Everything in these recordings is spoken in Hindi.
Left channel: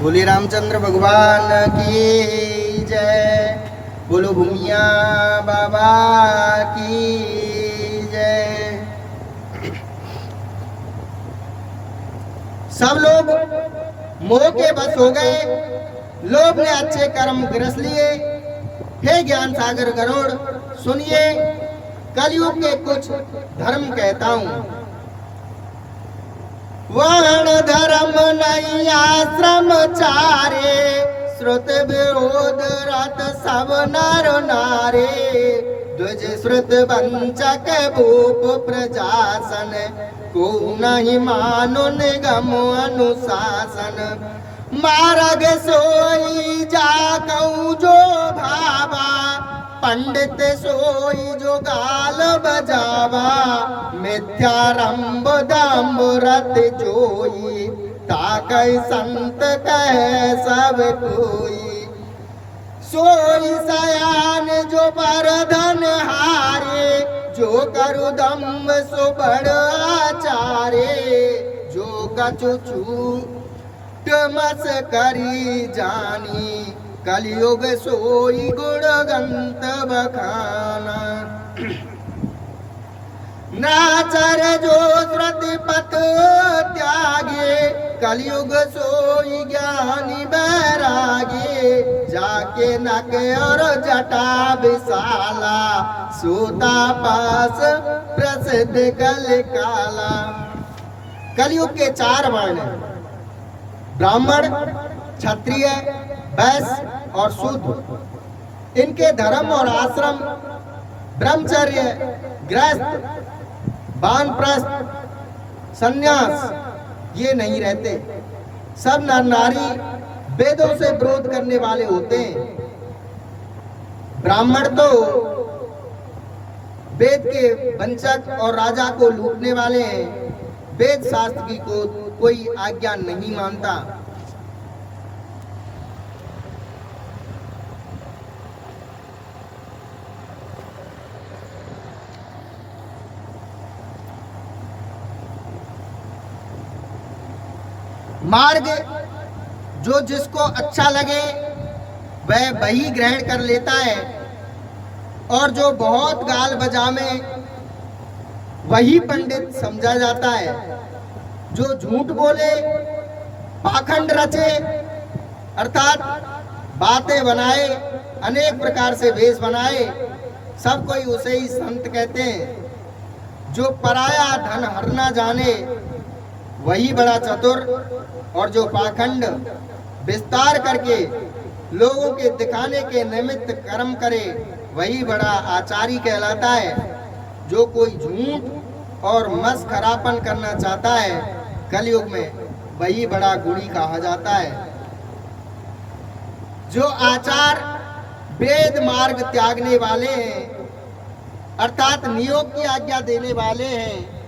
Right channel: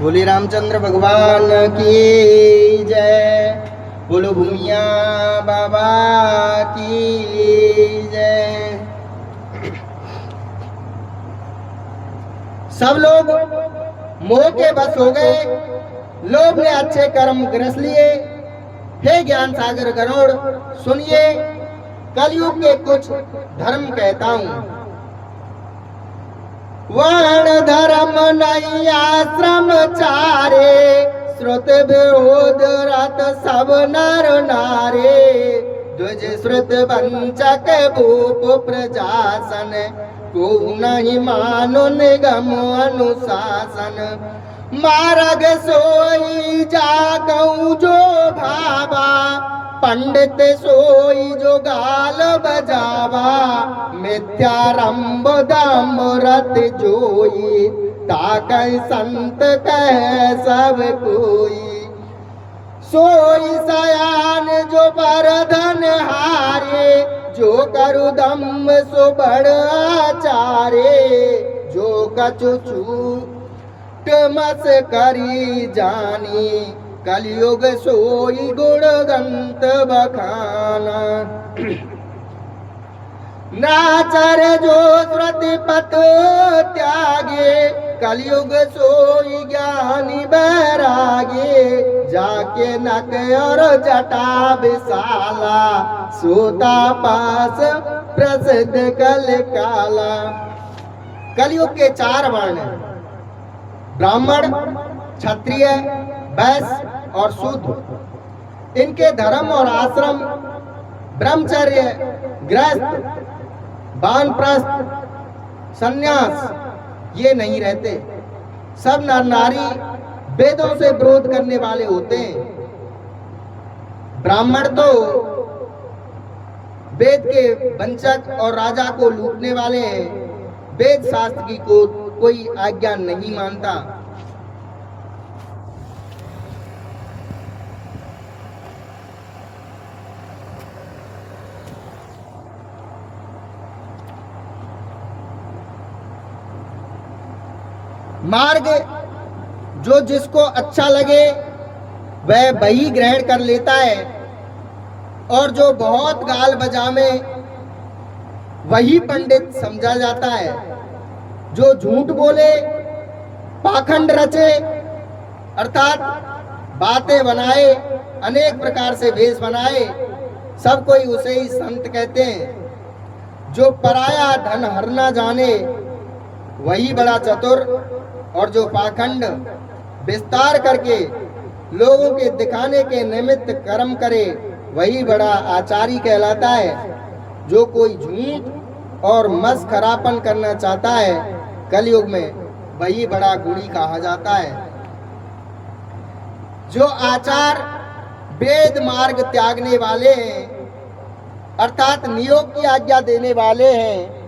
बोले रामचंद्र भगवान की जय। बोलो भूमिया बाबा की जय। सब लोग मोह के बस हो गए। लोग ने अच्छे कर्म ग्रस लिए। हे ज्ञान सागर गरुड़, सुनिए कलयुग के कुछ धर्म कहता हूं। वर्ण धर्म नहीं आश्रम चारे, श्रुत विरोध रत सब नर नारे। द्विज श्रुत वंचक भूप प्रजासन, को नहीं मानो निगम अनुशासन। मार्ग सोई जाकऊ जो भावा, पंडित सोई जो गाल बजावा। मिथ्यारंभ दम्भ रत जोई, ताकय संत कह सब कोई। सोई सयान जो पर धन हारे, जो करु दम्भ सो बड़ आचारे। जो कछु छूट मस करी जानी, कलयुग सोई गुण गंत बखाना। नाचर जो श्रुति पथ त्यागे, कलयुग सोई ज्ञानी बैरागे। जाके नक और जटा विशाला, सूता पास प्रसिद्ध कल काला। कलयुग के 4 वर्ण हैं, ब्राह्मण, क्षत्रिय, वैश्य और शूद्र। इनके धर्म और आश्रम ब्रह्मचर्य, गृहस्थ, वानप्रस्थ, सन्यास ये नहीं रहते। सब नर नारी वेदों से विरोध करने वाले होते हैं। ब्राह्मण तो वेद के वंचक और राजा को लूटने वाले हैं। वेद शास्त्र की को कोई आज्ञा नहीं मानता। मार्ग जो जिसको अच्छा लगे वह वही ग्रहण कर लेता है, और जो बहुत गाल बजावे वही पंडित समझा जाता है। जो झूठ बोले, पाखंड रचे, अर्थात बातें बनाए, अनेक प्रकार से वेश बनाए, सब कोई उसे ही संत कहते हैं। जो पराया धन हरना जाने वही बड़ा चतुर, और जो पाखंड विस्तार करके लोगों के दिखाने के निमित्त कर्म करे वही बड़ा आचारी कहलाता है। जो कोई झूठ और मस्खरापन करना चाहता है कलयुग में वही बड़ा गुणी कहा जाता है। जो आचार वेद मार्ग त्यागने वाले हैं, अर्थात नियोग की आज्ञा देने वाले हैं,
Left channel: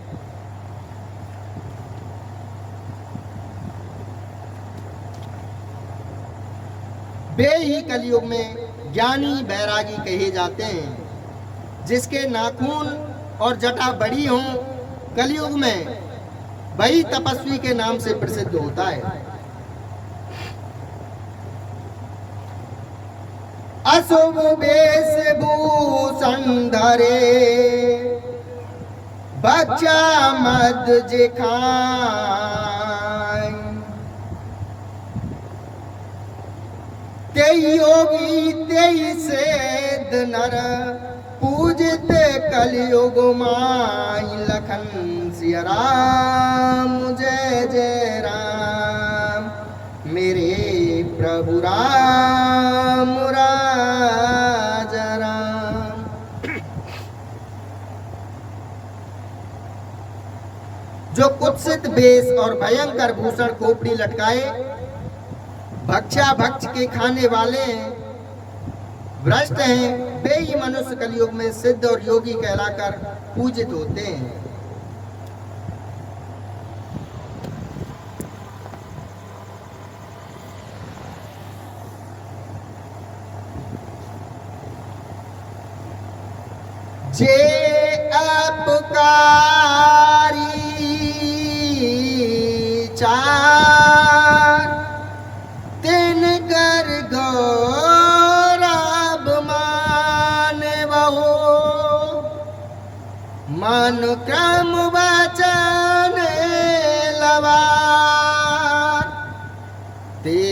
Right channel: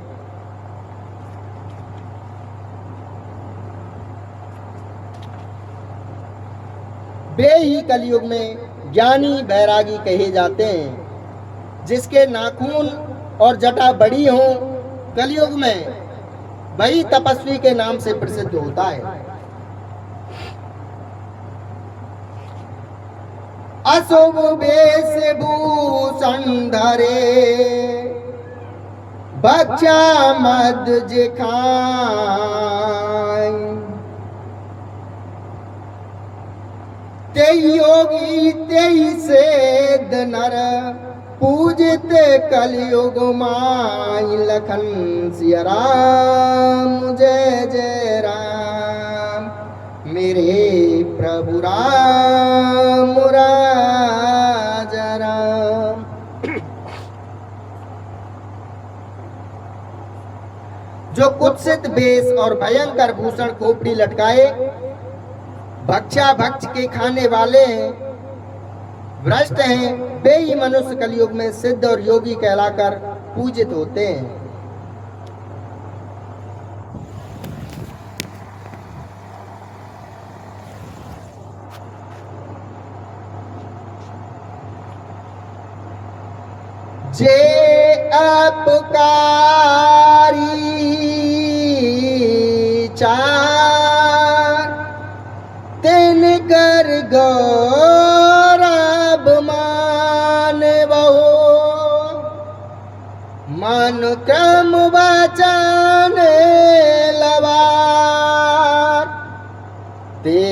वे ही कलयुग में ज्ञानी बैरागी कहे जाते हैं। जिसके नाखून और जटा बड़ी हो कलयुग में वही तपस्वी के नाम से प्रसिद्ध होता है। अशुभ वेश भूषण धरे, बच्चा मद जे खाए। तेई योगी तेई सेध नर, पूजित कलयुग माई। लखन सिया राम जय जय राम, मेरे प्रभु राम राजा राम। जो कुत्सित वेश और भयंकर भूषण खोपड़ी लटकाए, भक्षा भक्ष के खाने वाले भ्रष्ट हैं, वे ही मनुष्य कलयुग में सिद्ध और योगी कहलाकर पूजित होते हैं। जे अपकारी चार क्रम वचन लवार ते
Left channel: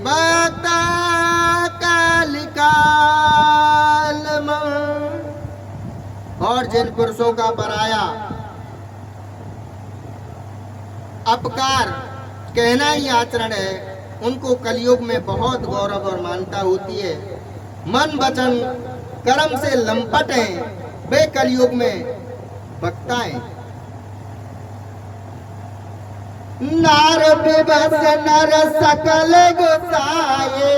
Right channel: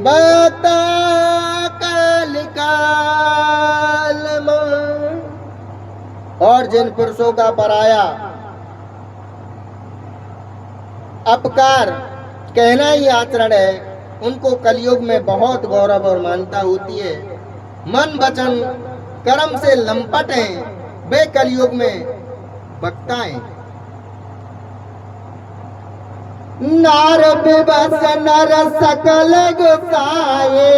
बता काल काल में। और जिन पुरुषों का पराया अपकार कहना ही आचरण है, उनको कलयुग में बहुत गौरव और मान्यता होती है। मन वचन कर्म से लंपट हैं, वे कलयुग में बकताएं। नार विवश नर सकल गुसाए,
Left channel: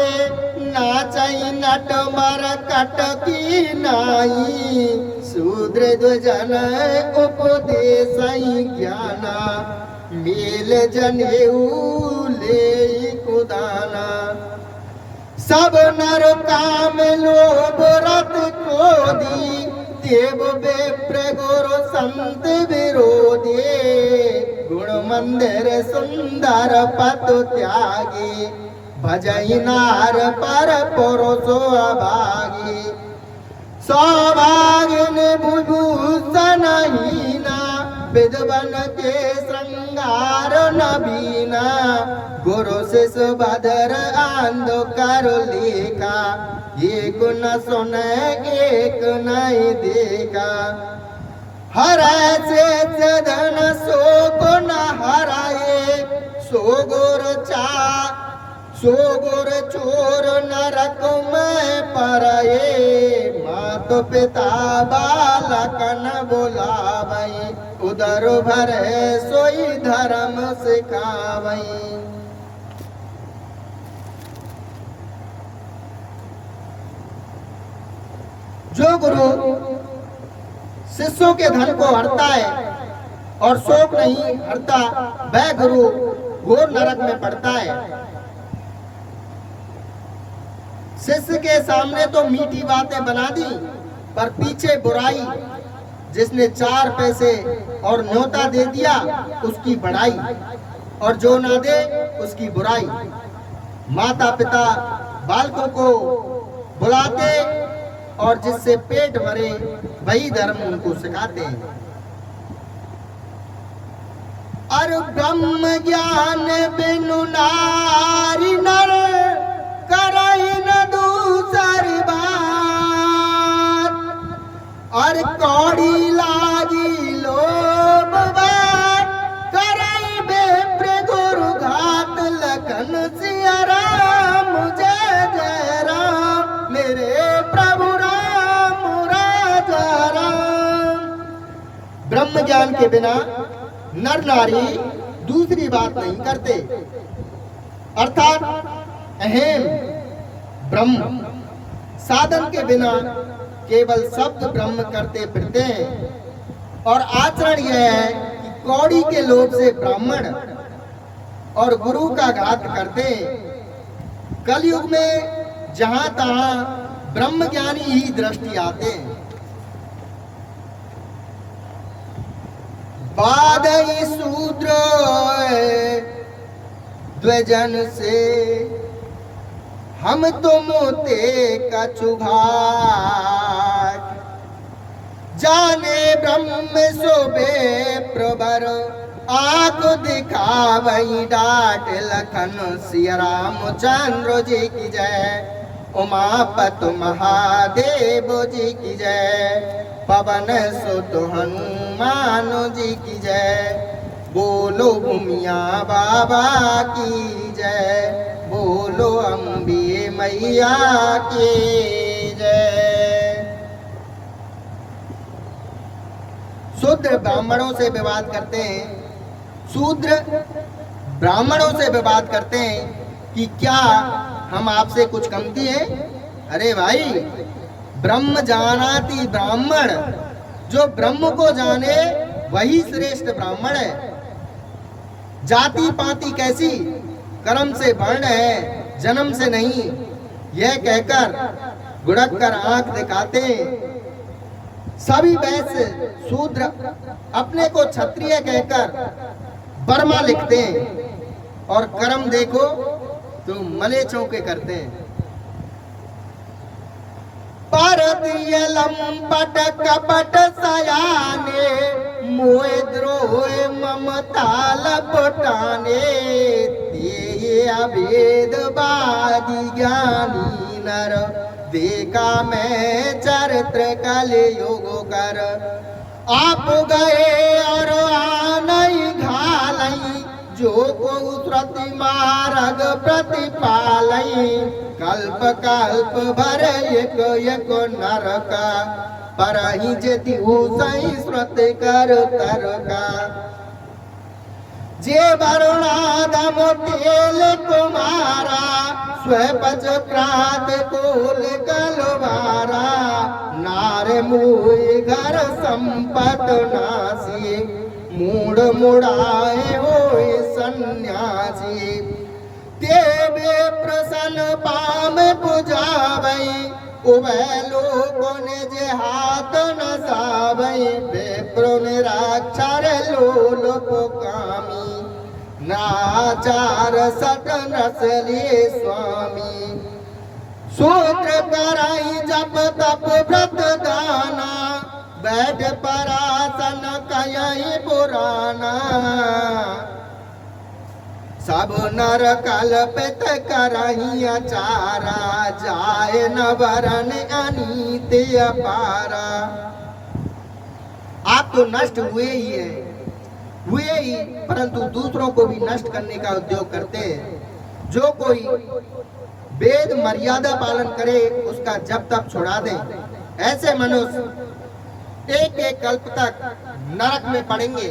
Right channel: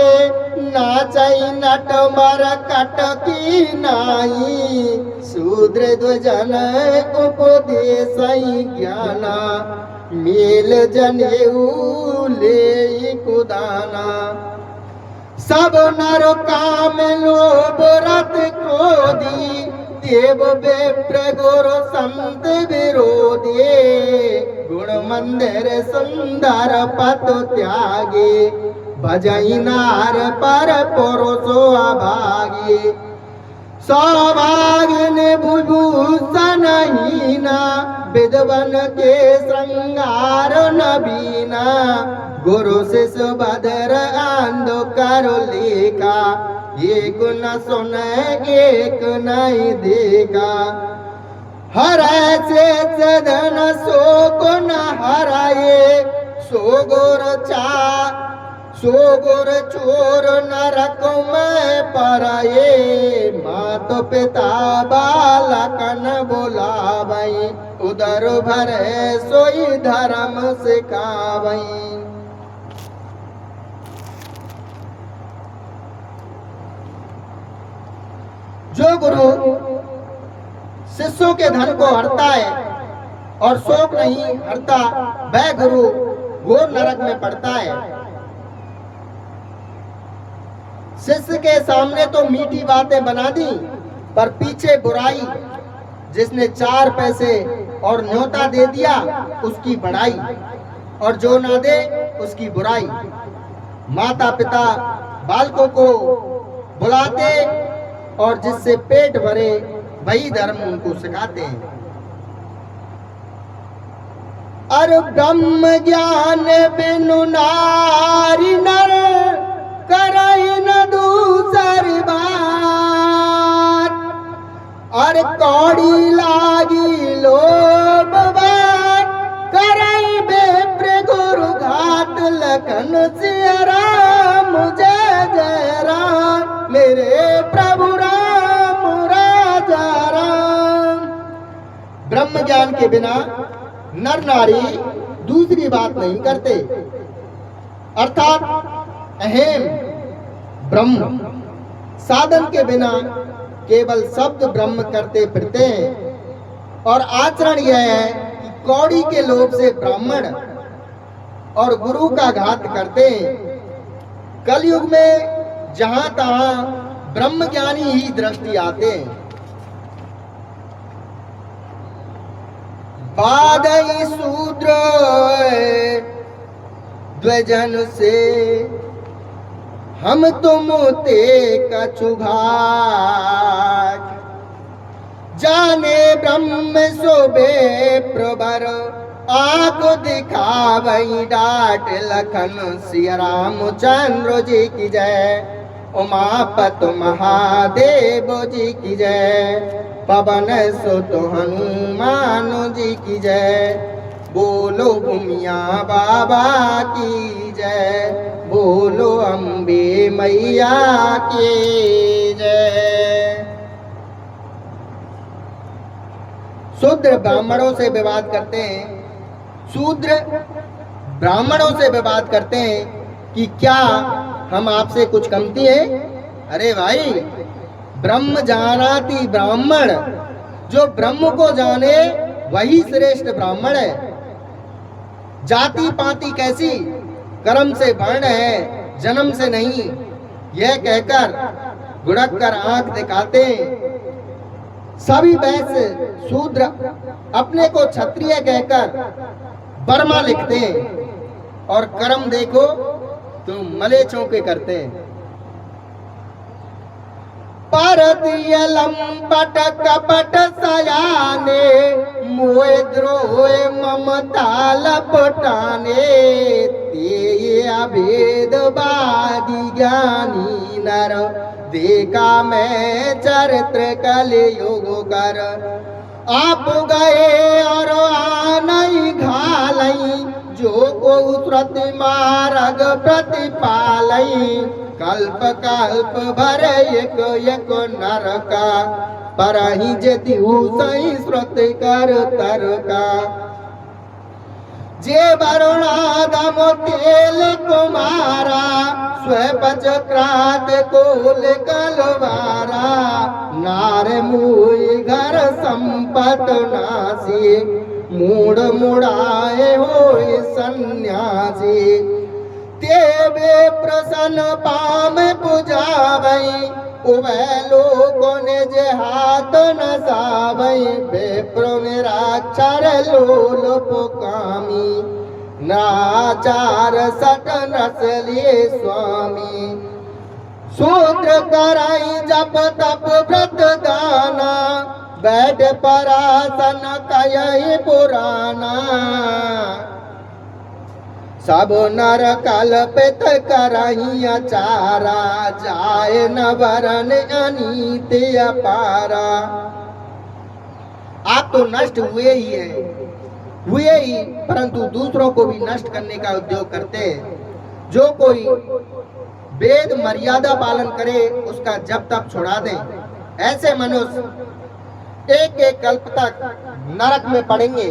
नाचई नट मर कट की नाई। शूद्र द्वजन उपदेश ज्ञाना, मेल जनेऊ ले कुदाना। सब नर काम लोभ रत क्रोधी, देव विप्र गुरु संत विरोधी। गुण मंदिर सुंदर पत त्यागे, भजई नार पर पुरुषो अभागे। सौभाग्य विभूषण हीना, विद्वन के श्रृंगार नबीना। गुरु शिष्य भद्र आंधो करो लेखा, एक न सुने एक नहीं देखा। हरै से धन शोक न हराए, सो गुर चोर नरक में पराए। मात पिता बालक न बोलावई, उदर भरे सोई धर्म सिखावई। जो गुरु शिष्यों के धन को हरता है और शोक नहीं हरता, वह गुरु घोर नरक में पड़ता है। शिष्य के सामने तो मीठी बातें बना दी, पर पीछे बुराई। जिसने 4 पैसे और न्योता दे दिया, उसकी बड़ाई, और जो ना दे उसकी बुराई। माता पिता बालकों को बुलाते और जिससे पेट भरे वही धर्म उनको सिखाते हैं। और ब्रह्म ज्ञान बिनु नारी नर, करई न दूसरी बात। और कौड़ी लागी लोभ बात, करई विप्र गुरु घात। लखन सिया राम जय जय राम, मेरे प्रभु राम राजा राम। ब्रह्म ज्ञान के बिना नर नारी दूसरी बात नहीं करते, अर्थात अहम ब्रह्म। साधन के बिना केवल शब्द ब्रह्म करते फिरते हैं। और आचरण यह है कि कौड़ी के लोभ से ब्राह्मण और गुरु का घात करते हैं। कलयुग में जहां तहां ब्रह्म ज्ञानी ही दृष्टि आते हैं। बाधई शूद्र द्वजन से, हम तुम ते कछु घाट। जाने ब्रह्म सोबे प्रबर, आंख दिखावई डाट। लखन सिया रामचंद्र जी की जय, उमापत महादेव जी की जय। पवन सुत हनुमान जी की जय, बोलो भूमिया बाबा की जय। बोलो अम्बे मैया की जय। शूद्र ब्राह्मणों से विवाद करते हैं, शूद्र ब्राह्मणों से विवाद करते हैं कि क्या हम आपसे कुछ कमती हैं? अरे भाई, ब्रह्म जानाति ब्राह्मण, जो ब्रह्म को जाने वही श्रेष्ठ ब्राह्मण है। जाति पाति कैसी, कर्म से वर्ण है, जन्म से नहीं, यह कहकर गुड़क कर आंख दिखाते हैं। सभी वैश्य शूद्र अपने को क्षत्रिय कहकर बर्मा लिखते हैं, और कर्म देखो तो मले चौके करते हैं। कर दिए लंपट कपट सयाने, मोए द्रोहे ममता लपटाने, ते अभेदवादी ज्ञानी नर, देखा मैं चरित्र कलयुग कर। आप गए और आनई घालई, जो को श्रुति मार्ग प्रतिपालई, कल्प कल्प भर एक एक नरका, परहि जति सही श्रुति कर तरका। जे वरुणादम तेल कुमारा, स्वपच क्रात कोल कलवारा, नार मुई घर संपत नासी, मूड मुड़ाए होए सन्यासी। तेवे प्रसन्न पाम पुजावई, उवै लोगों ने जे हाथ नसावई, विप्र मेरा क्षर लोल पोकामी, नाचार सट नसलिए स्वामी। सूत्र कराई जप तप व्रत दाना, बैठ परासन कयहि पुराना। सब नर कल्पित करही अचारा, जाय न वरन अनीत अपारा। आप तो नष्ट हुए ही, परंतु दूसरों को भी नष्ट करने का उद्योग करते हैं। जो कोई वेद मर्यादा पालन करे, उसका जब तक छुड़ा दें। ऐसे मनुष्य एक एक कल्प तक नरक में पड़ेंगे।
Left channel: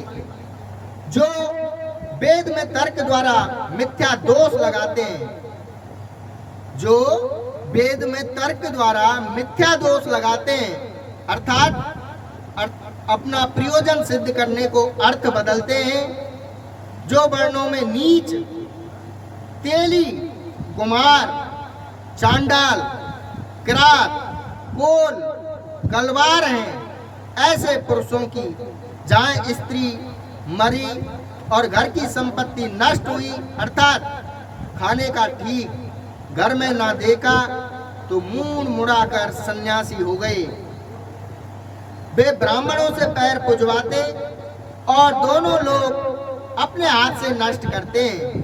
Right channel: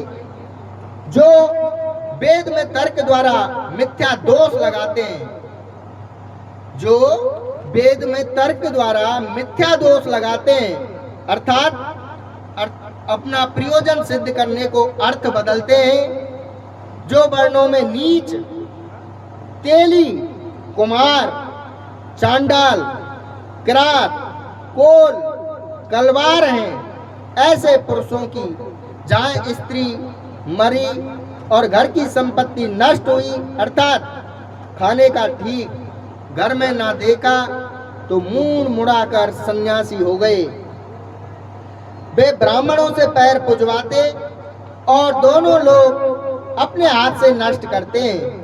जो वेद में तर्क द्वारा मिथ्या दोष लगाते हैं, जो वेद में तर्क द्वारा मिथ्या दोष लगाते हैं, अर्थात अपना प्रयोजन सिद्ध करने को अर्थ बदलते हैं। जो वर्णों में नीच, तेली, कुमार, चांडाल, किरात, कोल, गलवार हैं, ऐसे पुरुषों की जहाँ स्त्री मरी और घर की संपत्ति नष्ट हुई, अर्थात खाने का ठीक घर में ना देखा तो मुंह मुड़ाकर सन्यासी हो गए। वे ब्राह्मणों से पैर पुजवाते और दोनों लोग अपने हाथ से नष्ट करते हैं।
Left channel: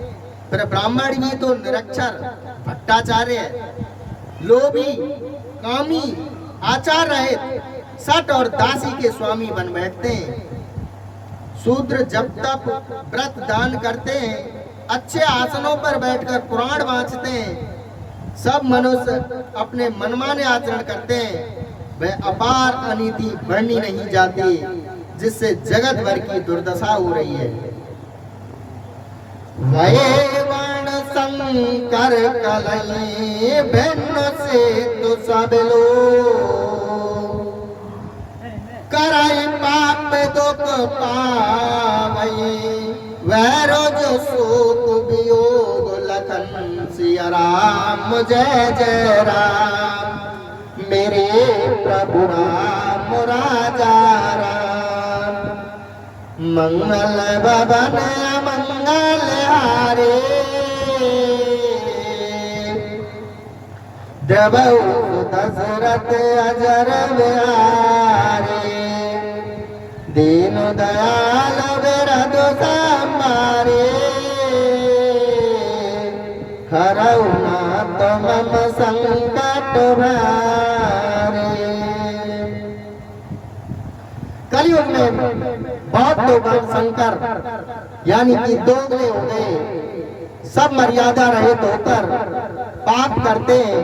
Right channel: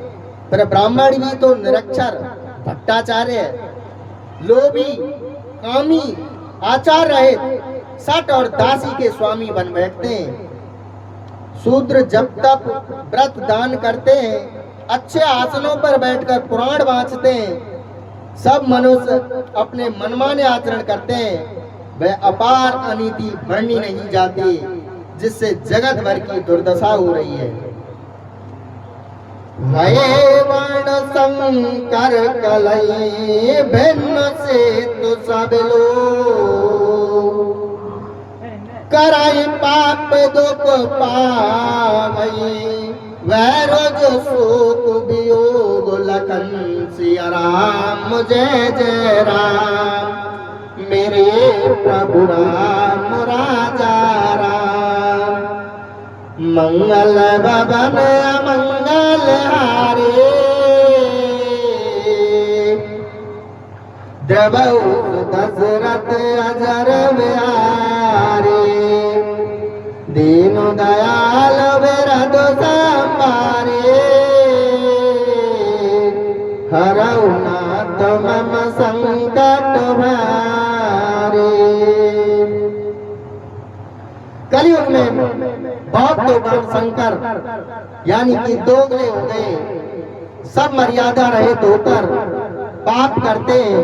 पर ब्राह्मण भी तो निरक्षर, भट्टाचार्य, लोभी, कामी, आचार रहित, सट और दासी के स्वामी बन बैठते हैं। शूद्र जब तक व्रत दान करते हैं, अच्छे आसनों पर बैठकर पुराण वाँचते हैं, सब मनुष्य अपने मनमाने आचरण करते हैं, वह अपार अनीति बढ़नी नहीं जाती, जिससे जगत भर की दुर्दशा हो रही है। वये वर्ण संकर कलई, भिन्न से तु सब लोग, कराई पाप दुख पावई, वह रोज शोक वियोग, लखन सिया राम जय जय राम, मेरे प्रभु राम राजा राम। मंगल भवन अमंगल हारे, देवौ दशरथ अजर बिहारी, दीन दयाल विरद संभारे, हरऊ नाथ मम संकट भारे। कलयुग में बहुत लोग शंकर यानी कि दोगले हो गए, सब मर्यादा रहित होकर पाप करते हैं।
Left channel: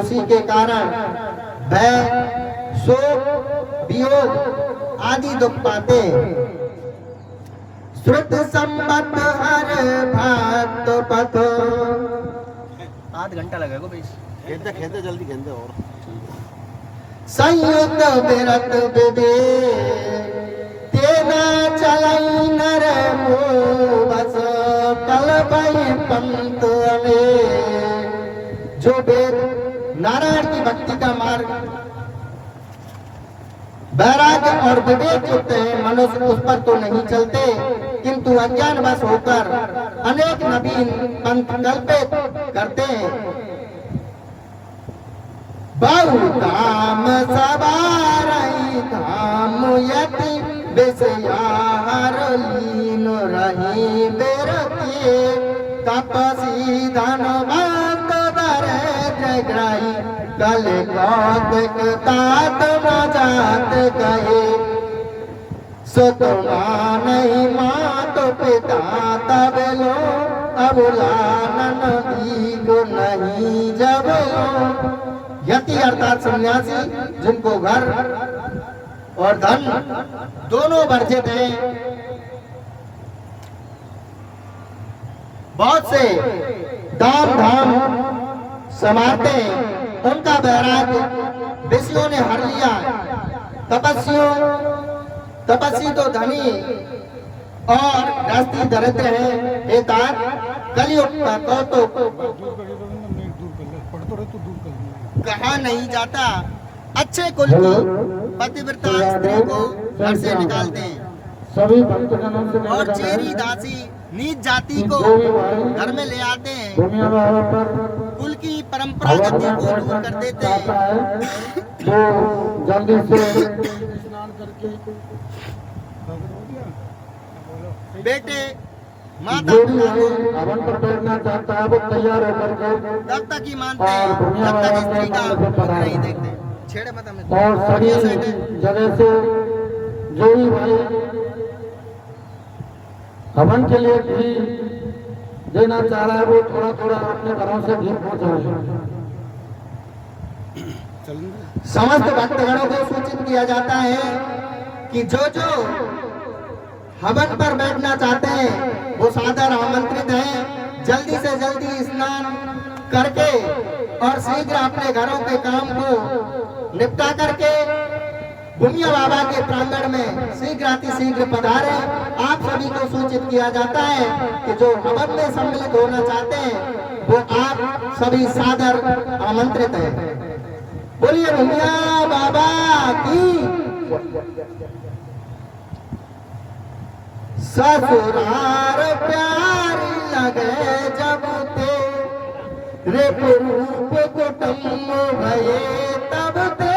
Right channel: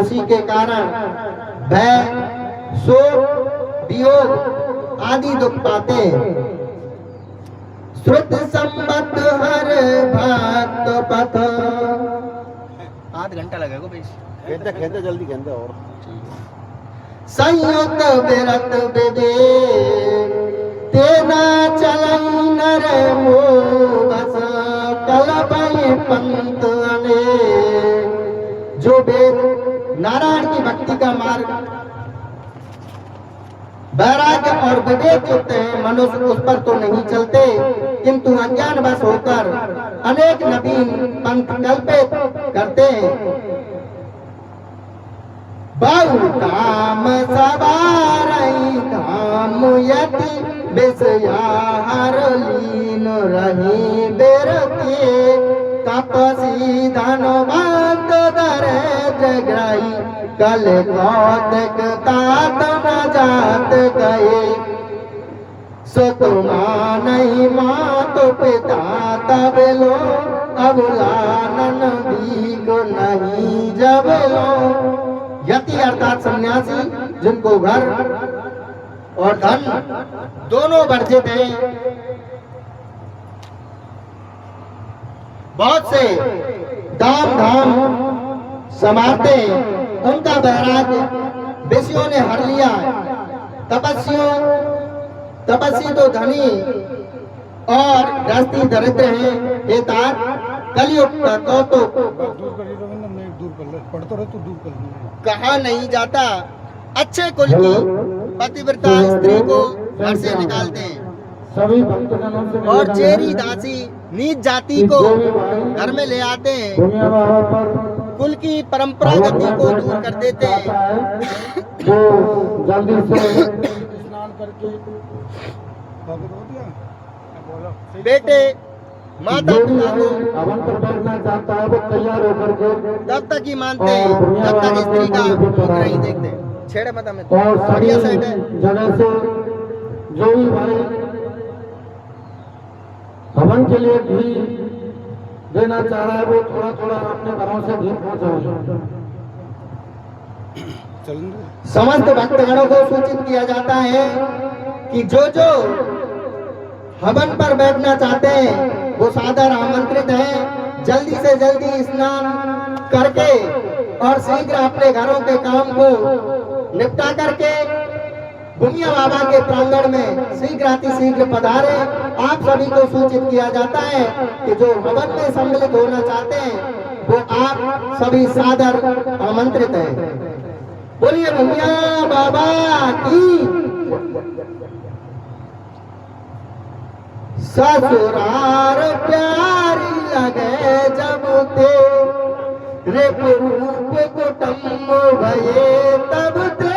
उसी के कारण भय, शोक, वियोग आदि दुख पाते हैं। श्रुत संबत हर भक्त पथ, आध घंटा लगेगा भाई, खेलते खेलते जल्दी खेलते और संयुक्त विरत विदे, तेना चलई नर मोह बस, कलपई पंत अने। जो वेद नारायण की भक्ति का मार्ग, वैराग्य और विवेक युक्त है, मनुष्य उस पर तो नहीं चलते, किंतु अज्ञानवश होकर अनेक नवीन पंथ कल्पित करते हैं। बहु काम सवारई काम यति विषयाहार लीन रही बेरती तपसी धनवंत दरिद्र ग्रही कल कौतक तात जात गए सतुमा नहीं माँ तो पिता तब लो अबुलानन दीगो नहीं जब लो। यति अर्थात सन्यासी जिनको घर और धन दोनों वर्जित हैं, बहुत से दाम धाम समाते उनका वैराग्य विषयों ने हर लिया। तपस्वी तो धनी और गृहस्थी दरिद्र है। हे तात कलयुग का कौतुक कहा नहीं जाता। अच्छे कुल की पतिव्रता स्त्री को घर से निकालते हैं और चेरी दासी नीच जाति को घर में ले आते हैं, कुल की परंपरा गति को दूर कर देते हैं। बेटे माता पिता को हवन पर बैठना चाहता है वो तैयार होकर के तब तक ही मानते हैं जब तक स्त्री का मुख नहीं देखते। छेड़े मत हमें और सभी जगह से जो भी भाई हवन के लिए घी देना चाह रहा है वो थोड़ा थोड़ा अपने घरों से घी पहुंचाए। समस्त भक्तगणों को सूचित किया जाता है कि जो जो हवन पर बैठना चाहते हैं वो सादर आमंत्रित हैं। जल्दी से जल्दी स्नान करके और शीघ्र अपने घरों के काम को निपटा करके भूमिया बाबा के प्रांगण में शीघ्र अतिशीघ्र पधारे। आप सभी को सूचित किया जाता है कि जो हवन में सम्मिलित होना चाहते हैं वो आप सभी सादर आमंत्रित हैं। बोलिए भूमिया बाबा की। ससुरार प्यारी लगे जब तेरे रूप कुटुंब भये तब ते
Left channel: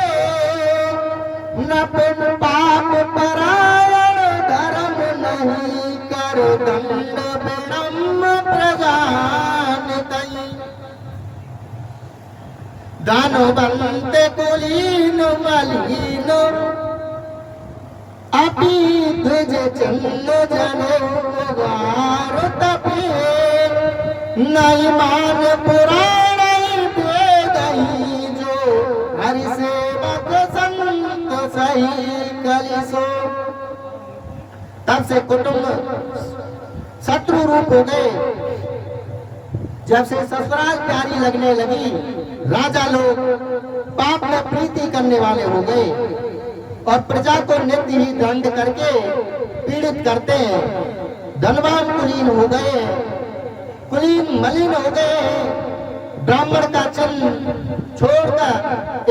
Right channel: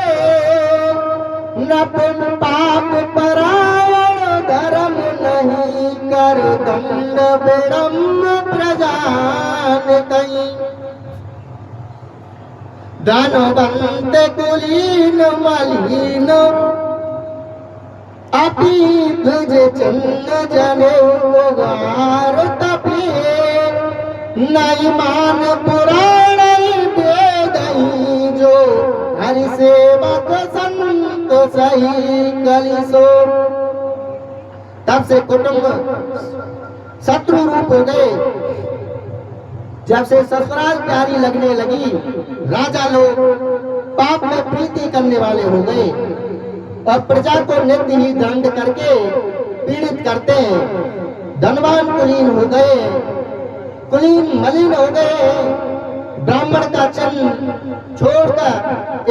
नपन पाप परायण धर्म नहीं कर दंड विडम्ब प्रजान कहीं दानवंत कुलीन मलिन अपि द्विज चंद जने उगार तपे नहीं मान पुराण वेदही जो हरि सेवक संत सही कलिसो। तब से कुटुंब शत्रु रूप हो गए। जब से ससुराल प्यारी लगने लगी राजा लोग पाप में प्रीति करने वाले हो गए और प्रजा को नित्य ही दंड करके पीड़ित करते हैं। धनवान कुलीन हो गए, कुलीन मलिन हो गए। ब्राह्मण का चिन्ह छोड़कर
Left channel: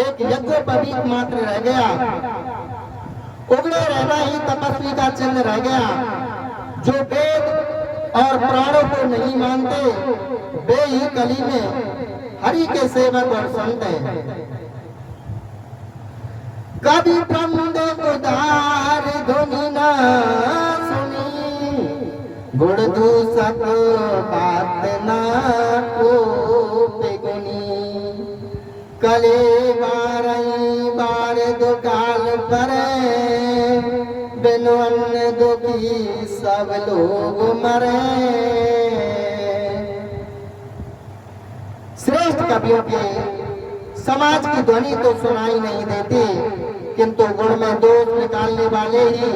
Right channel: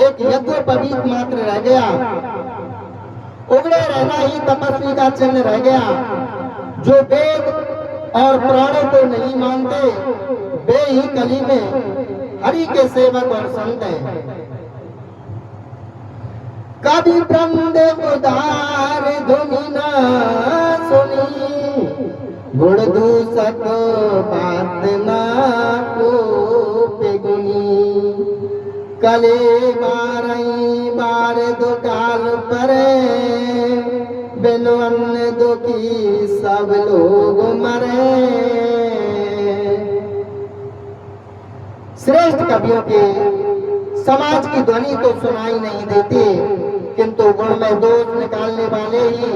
एक यज्ञोपवीत मात्र रह गया। उगड़े रहना ही तपस्वी का चिन्ह रह गया। जो वेद और पुराणों को नहीं मानते वे ही कली में हरि के सेवक और संत हैं। कभी ब्रह्म उदार धुनि न सुनी गुण दूषक बात न को गुनी कले मारई बार दुकाल पर बिनु अन्न दुखी सब लोग मरे। श्रेष्ठ कवियों के समाज की ध्वनि तो सुनाई नहीं देती किंतु गुण में दोष निकालने वाले ही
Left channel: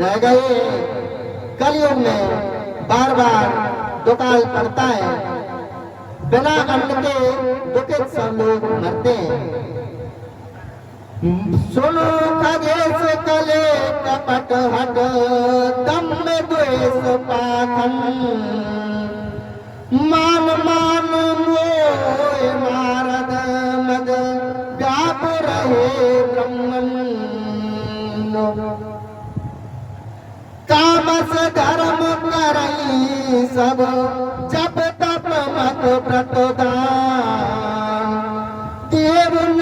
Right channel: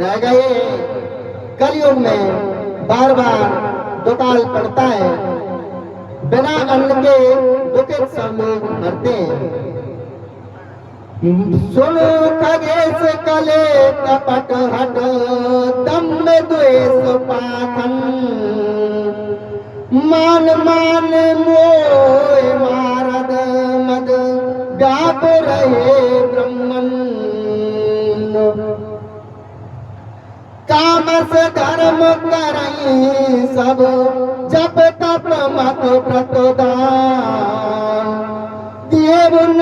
रह गए। कलयुग में बार बार दुकाल पड़ता है। बिना अन्न के दुखित सब लोग मरते हैं। सुनो खगेश कले कपट हट दम में द्वेष पाखन मान मान मोह मारद मद व्याप रहे ब्रह्मन तामस धर्म करई सब जप तप मत प्रतोदान देव न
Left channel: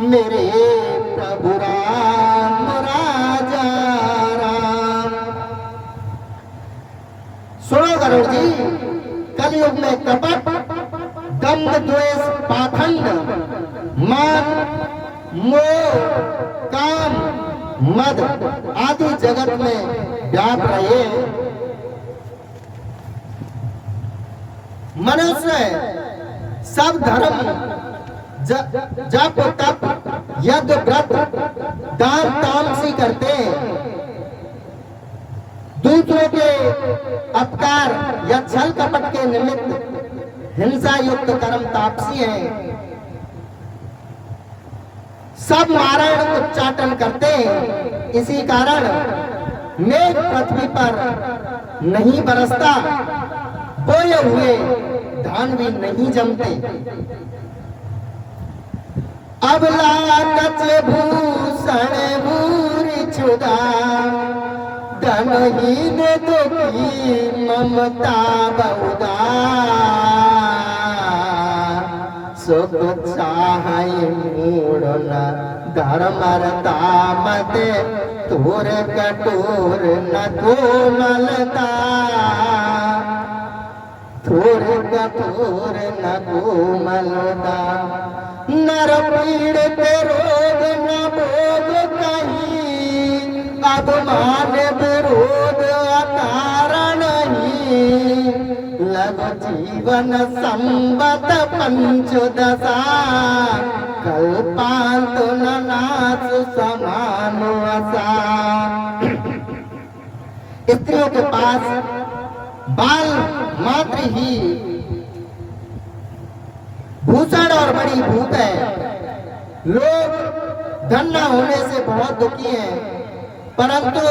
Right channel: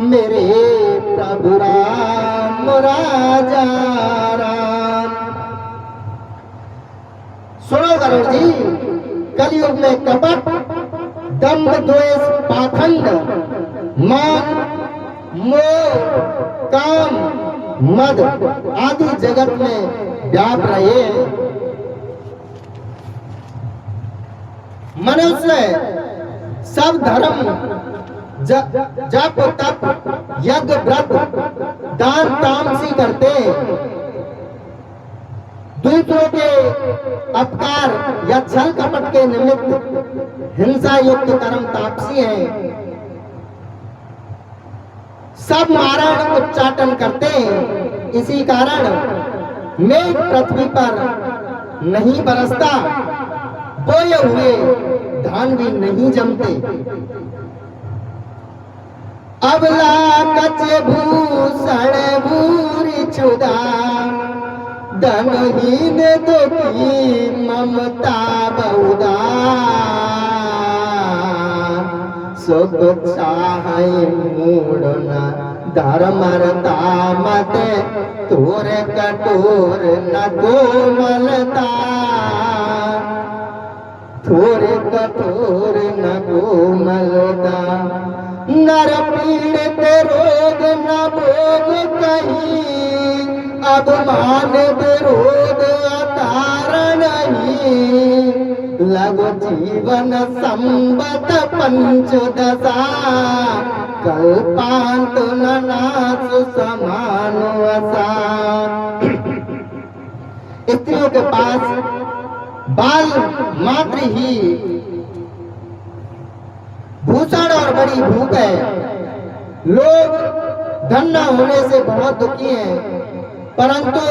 मेरे प्रभु राम राजा राम। सुनो गरुड़ जी, कलयुग में कपट, दंभ, द्वेष, पाखंड, मान, मोह, काम, मद आदि जगत में व्याप रहे हैं। मनुष्य सब धर्म, जप तप, यज्ञ व्रत, दान तामसी करते हैं। दूसरों के अपकार या छल कपट के निमित्त हिंसा युक्त कर्म तापसी हैं। सब मारण उच्चाटन करते हैं। इसी कारण मेघ पृथ्वी पर नहीं बरसता, बोए हुए धान भी नहीं जमते। अबला कच भूषण भूरि क्षुधा, धनहीन दुखी ममता बहुधा। सुख चाहे मूढ़ धर्मरता मत, तोर कठोर न कोमलता। थोर कठोर न कोमलता, नर पीड़ित रोग न भोग कहीं। अभिमान विरोध अकारण ही, लघु जीवन संबत पंचदशा। कल्पांत न नाश समान वसा। स्त्रियों के पास बाल मात्र ही भूषण और बड़ी भूख है। लोग धन न होने से बहुत दुखी हैं, परंतु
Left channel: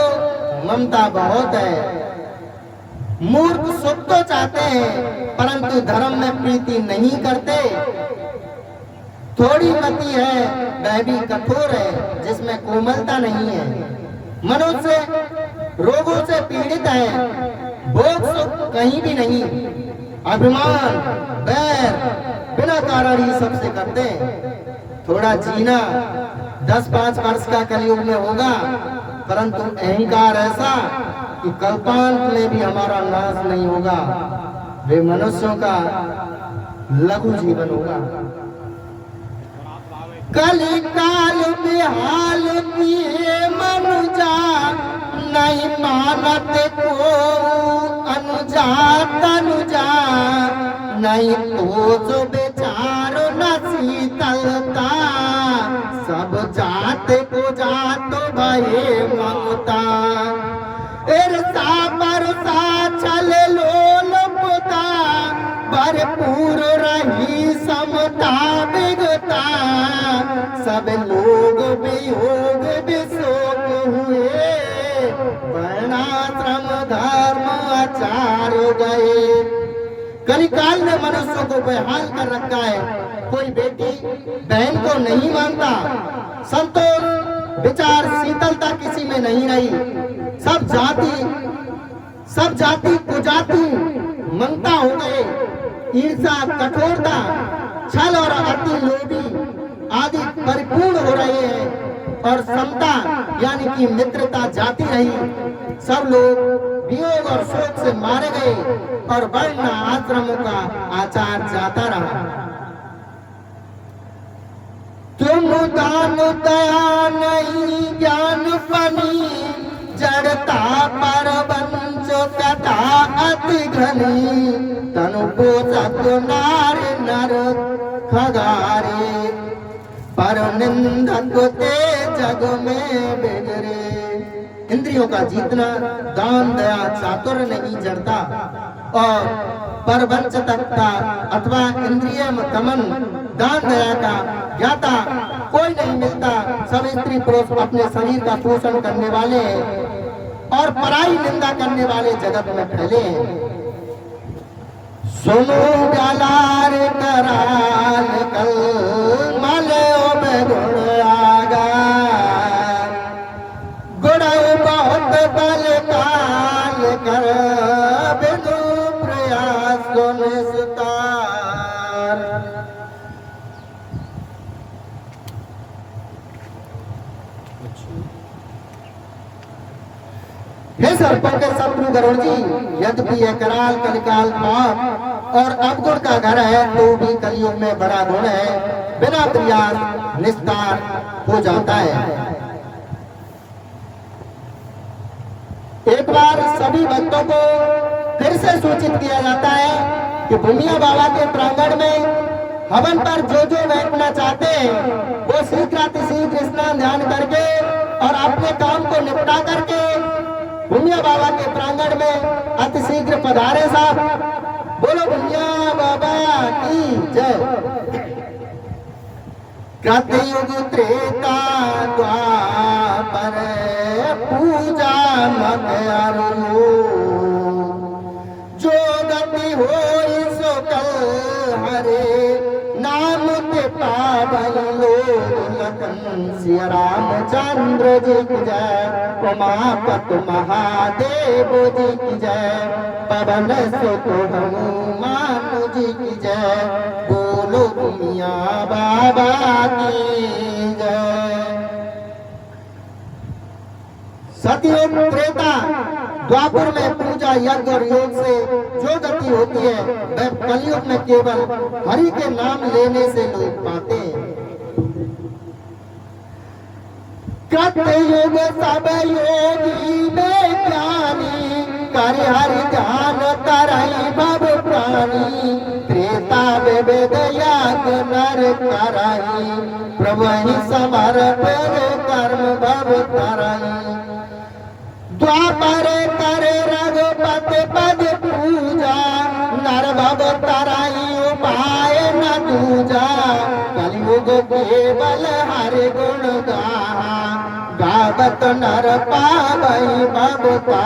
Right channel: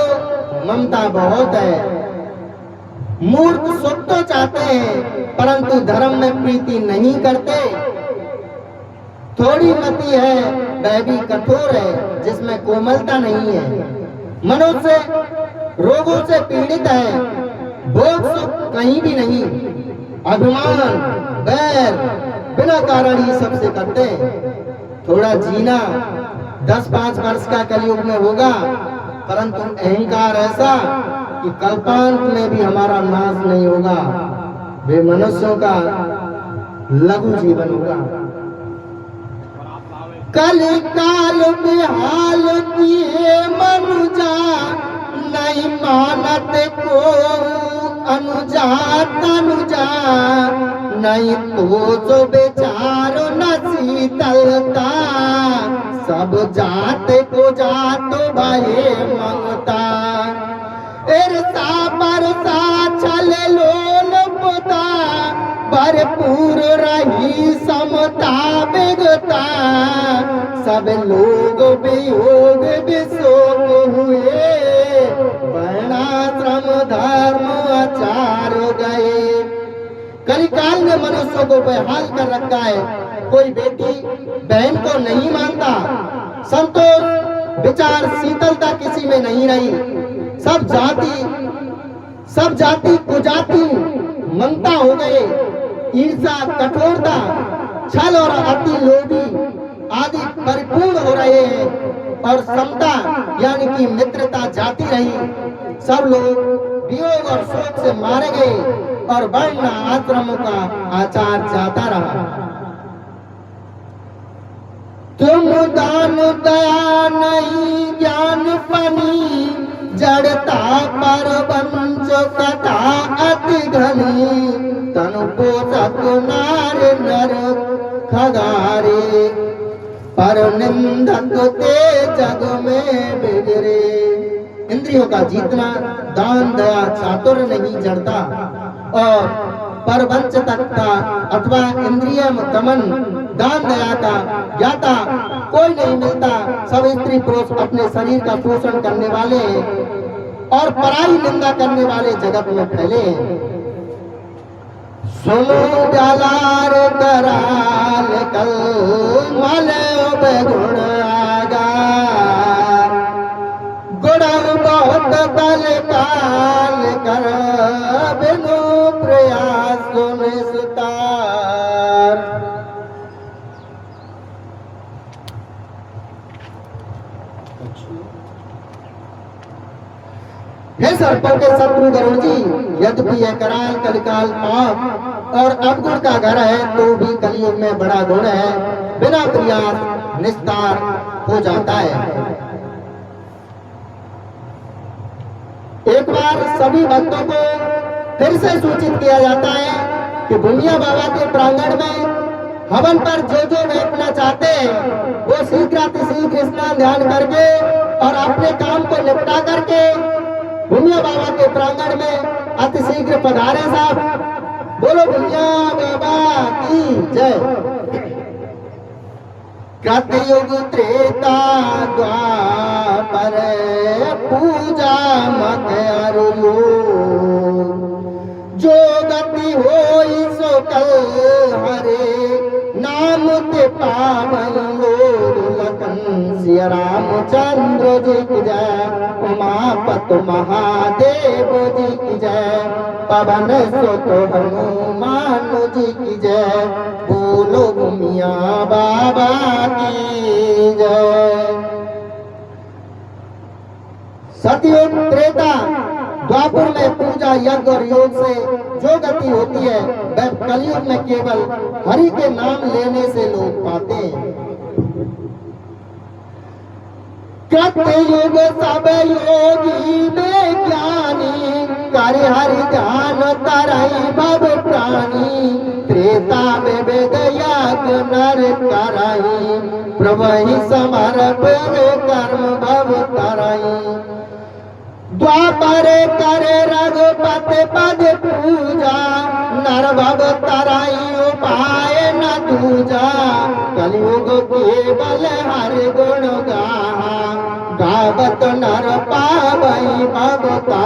ममता बहुत है। मूर्ख सुख तो चाहते हैं, परंतु धर्म में प्रीति नहीं करते। थोड़ी मति है वह भी कठोर है, जिसमें कोमलता नहीं है। मनुष्य रोगों से पीड़ित है, भोग सुख कहीं भी नहीं। अभिमान बैर बिना कारण ही सबसे करते हैं। थोड़ा जीना 10-5 वर्ष का कलयुग में होगा, परंतु अहंकार ऐसा कि कल्पांत में भी हमारा नाश नहीं होगा। वे मनुष्यों का लघु जीवन होगा। कली काल बेहाल किए मनुजा, नहीं मानत को अनुजा तनुजा। नहीं तो जो बेचार न शीतलता, सब जात को जात भये मंगता। ईर्षा बरसा छल लोल पुता, भरपूर रही समता विगता। सब लोग वियोग विशोक हुए, वर्णाश्रम धर्म आचार गए। कलिकाल ने मनुष्यों को बेहाल कर रखा है। कोई बेटी बहन को नहीं मानता, संतोष विचार शीतलता किसी में नहीं रही। सब जाति कुजाति ममता हो गए। ईर्षा, कठोरता, छल और अति लोभी आदि परिपूर्ण हो रहे हैं। और समता यानी कि मित्रता जाती रही। सब लोग वियोग और शोक से मारे गए और वर्ण आश्रमों का आचार जाता रहा। तुम दान दया नहीं ज्ञान पनी, जड़ता पर वंश कथा अति घनी। तनु पोषक नार नर खगारे, पर निंदक ते जग में बिगड़े। इंद्रियों का जीतना, दान दया चातुर्य नहीं जड़ता और परवंचकता अथवा इंद्रिय दमन, दान दया का ज्ञाता कोई नहीं मिलता। सब स्त्री पुरुष अपने शरीर का पोषण करने वाले और पराई निंदा करने वाले जगत में फैले। सुनो डालार कराल कल माले गुण आगा, गुण बहुत बल काल कर बिनु प्रयास निस्तार। हे सर्पों के शत्रु गरुड़ जी, यद्यपि यह कराल कलिकाल पाप और अवगुण का घर है, तो भी कलयुग में बड़ा गुण है, बिना प्रयास निस्तार हो जाता है। एक बार सभी भक्तों को फिर से सूचित किया जाता है कि भूमिया बाबा के प्रांगण में हवन पर जो बैठना चाहते हैं वो शीघ्र स्नान ध्यान करके और अपने काम को निपटा करके भूमिया बाबा के प्रांगण में अति शीघ्र पधारे साहब। बोलो भूमिया बाबा की जय। कृतयुग त्रेता द्वापर पूजा मत अरुलो, जो गति होई सो कल हरे, नाम ते पावन लोग लखन सिया रामचंद्र जी की जय, उमापत महादेव जी की जय, पवन सुत हनुमान जी की जय, बोलो भूमिया बाबा की जय। सतयुग त्रेता द्वापर में पूजा यज्ञ और योग से जो गति होती है वह कलयुग में केवल हरि के नाम लेने से लोग पाते हैं। कृतयुग सब योगी में ज्ञानी, कर हरि ध्यान तरई भव प्राणी, त्रेता में वेद यज्ञ नर करई, प्रभहि समर्प कर्म भव तरई, द्वापर करे रघुपति पद पूजा, नर भव तरई उपाय न दूजा, कलयुग केवल हरि गुण गाहा, गावत नर पावई भवता,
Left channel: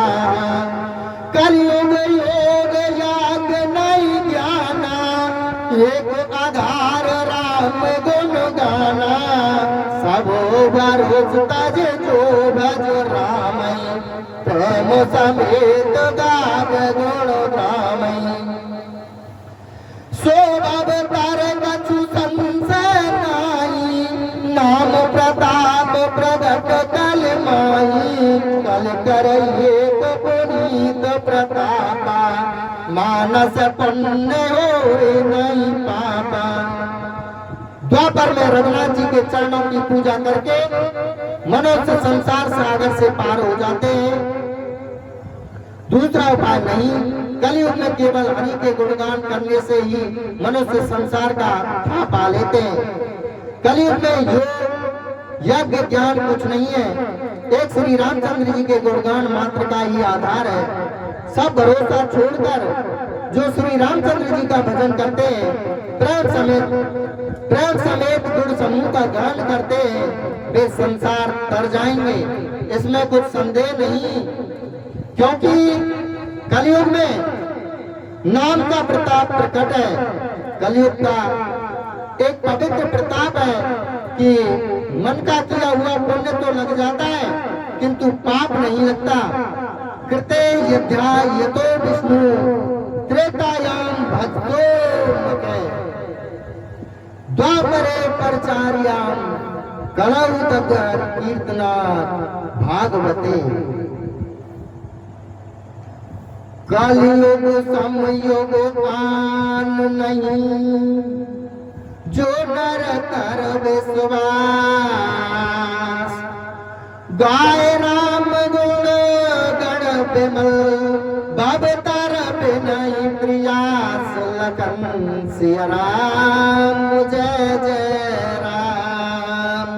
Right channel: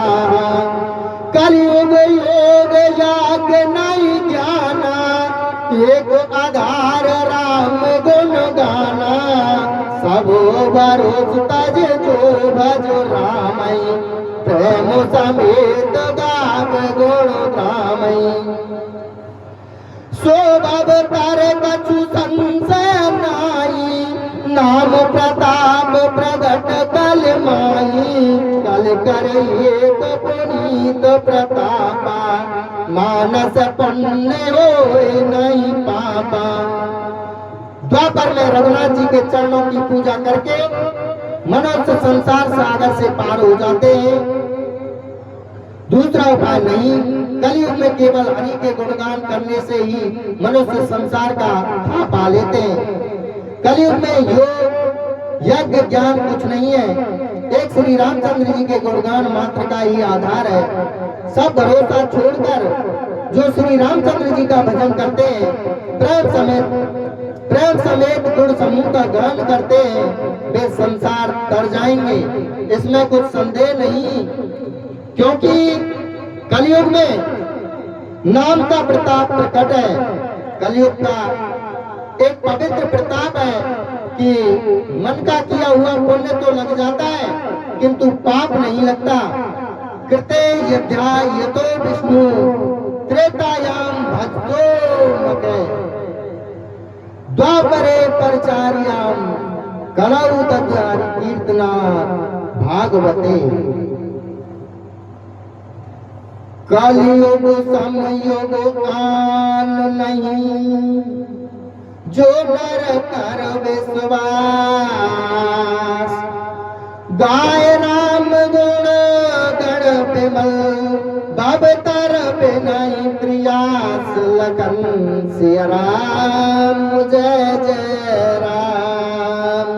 कलयुग योग याग नहीं ज्ञाना, एक आधार राम गुण गाना, सबो भरोस तज जो भज रामई, प्रेम समेत गाव गुण रामई, शोभव तर कछु संशय नाई, नाम प्रताप प्रगट कल माही, कल करइए पुनीत प्रतापा, मानस पुण्य होए नहीं पापा। द्वापर में रघुनाथ जी के चरणों की पूजा करके मनुष्य संसार सागर से पार हो जाते हैं, दूसरा उपाय नहीं। कलयुग में केवल हरि के गुणगान करने से ही मनुष्य संसार का था पा लेते हैं। कलयुग में योग यज्ञ ज्ञान कुछ नहीं है, एक श्री रामचंद्र जी के गुणगान मात्र का ही आधार है। सब भरोसा छोड़कर जो श्री रामचंद्र जी का भजन करते हैं, प्रेम समेत गुण समूह का गान करते हैं, वे संसार तर जाएंगे, इसमें कुछ संदेह नहीं। क्योंकि कलयुग में नाम का प्रताप प्रकट है। कलयुग का एक पवित्र प्रताप है कि मन का किया हुआ पुण्य तो लग जाता है किंतु पाप नहीं लगता। कृते यध्याय यतो विष्णु त्रेतायाम भजतो मते, द्वापरे परचार्याम कलौ तद् कीर्तना भागवते। कलयुग समयुग आन नहीं, जो नर कर विश्वास, गाय राम गुण गण विमल, भव तर बिनहि प्रयास, लखन सिया राम जय जय राम,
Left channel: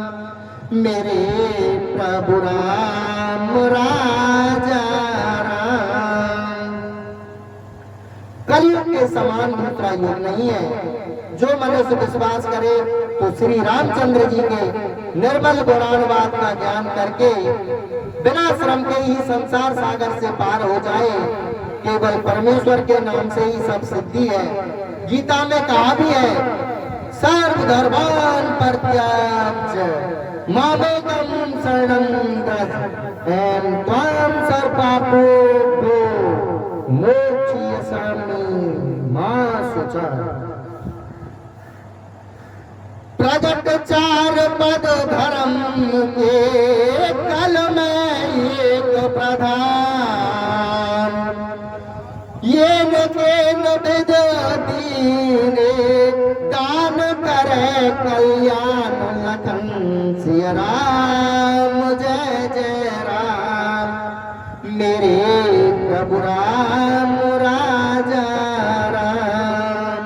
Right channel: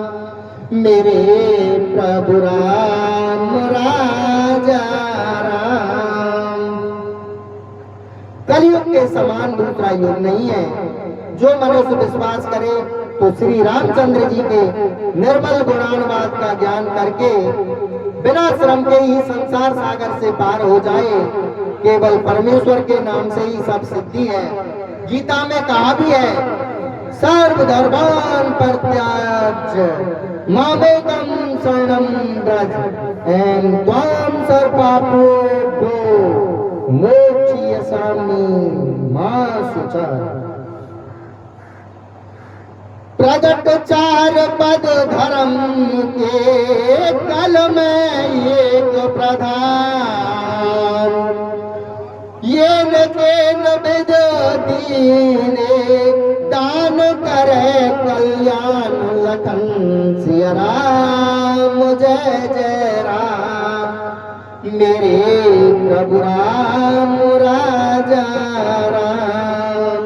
मेरे प्रभु राम राजा राम। कलयुग के समान दूसरा युग नहीं है। जो मनुष्य विश्वास करे तो श्री रामचंद्र जी के निर्मल गुणानुवाद का ज्ञान करके बिना श्रम के ही संसार सागर से पार हो जाए। केवल परमेश्वर के नाम से ही सब सिद्धि है। गीता में कहा भी है, सर्व धर्मान परित्याज्य मामेकं शरणं व्रज, एवं त्वां सर्वपापेभ्यो मोक्षयिष्यामि मा शुचः। प्रगट चार पद धर्म के, हनुमान लखन सिया राम, जय जय राम, मेरे प्रभु राम राजा राम।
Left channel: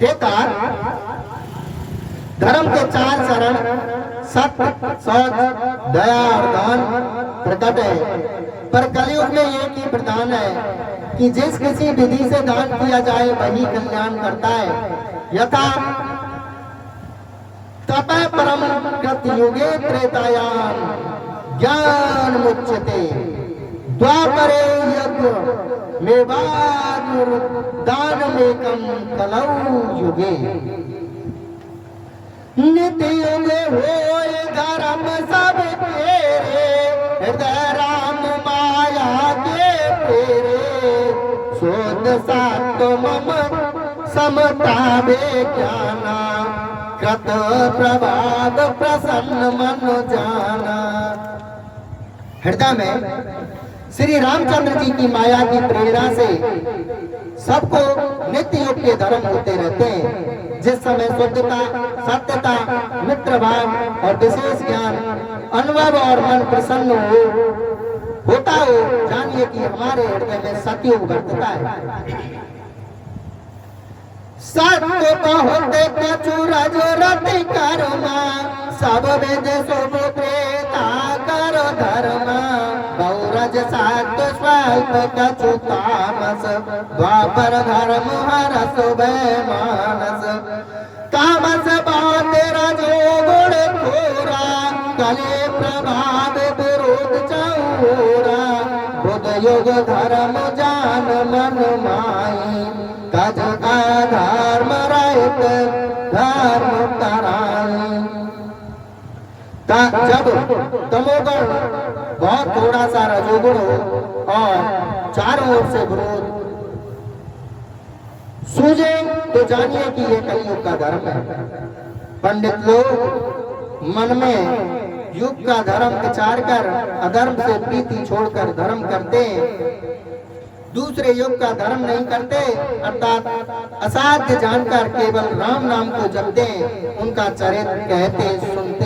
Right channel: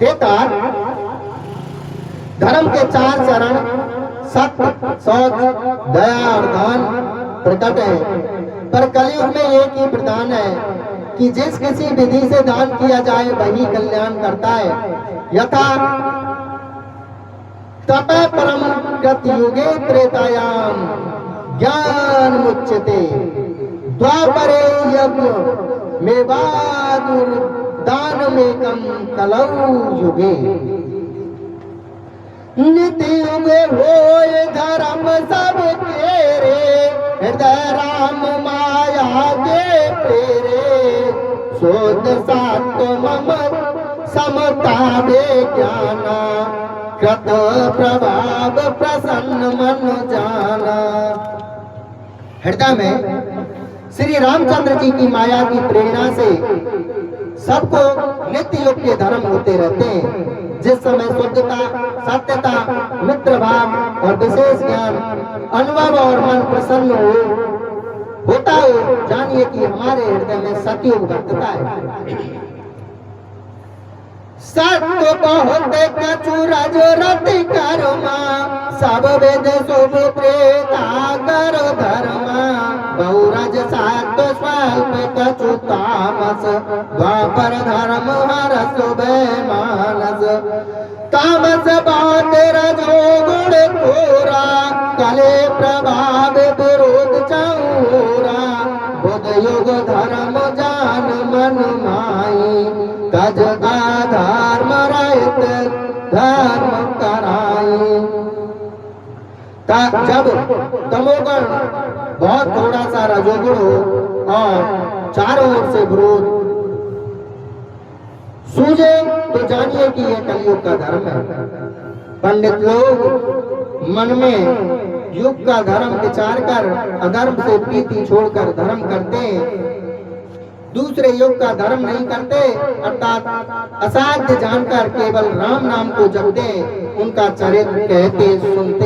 बेकार धर्म के 4 चरण सत्य, शौच, दया और दान प्रकट है, पर कलयुग में एक ही प्रधान है कि जिस किसी विधि से दान किया जाए वही कल्याण करता है। यथा तप परम कृतयुगे त्रेतायाम ज्ञान मुच्यते, द्वापरे यज्ञ मेवादुर दानमेकं कलौ युगे। नित्य युगे होय धर्म सब तेरे, हृदय राम माया के फेरे, शोध सात्व मम समता वे ज्ञाना, कृत प्रभाव प्रसन्न मन जाना। हृदय में श्री रामचंद्र जी की माया की प्रेरणा से सबको नित्य युग के धर्म होते रहते हैं। जिस समय शुद्धता, सत्यता, मित्र भाव और विशेष ज्ञान, अनुभव और मन प्रसन्न होता हो, जानिए कि हमारे हृदय में सतयुग वर्तता है। सत्य होते कछु रज रति कर्मा, सब वेद शुभ त्रेता करो धर्मा, बहुरज सात्व स्वल्प कछु तामस, द्वापर धर्म हरस मानस, तामस बात रजो गुण थोरा, कले प्रभाव विरोध चौरा, बुध युग धर्म जान मन माई, तज अधर्म रहित धर्म कराई। जब तमोगुण बहुत थोड़ा सा रजोगुण हो और चारों ओर से विरोध सूझे तो जानिए कि यह कलयुग का धर्म है। पंडित लोग मन में युग का धर्म विचार कर अधर्म से प्रीति छोड़कर धर्म करते हैं, दूसरे युग का धर्म नहीं करते, अर्थात असाध्य जानकर केवल राम नाम को जपते, उनका चरित्र कहते सुनते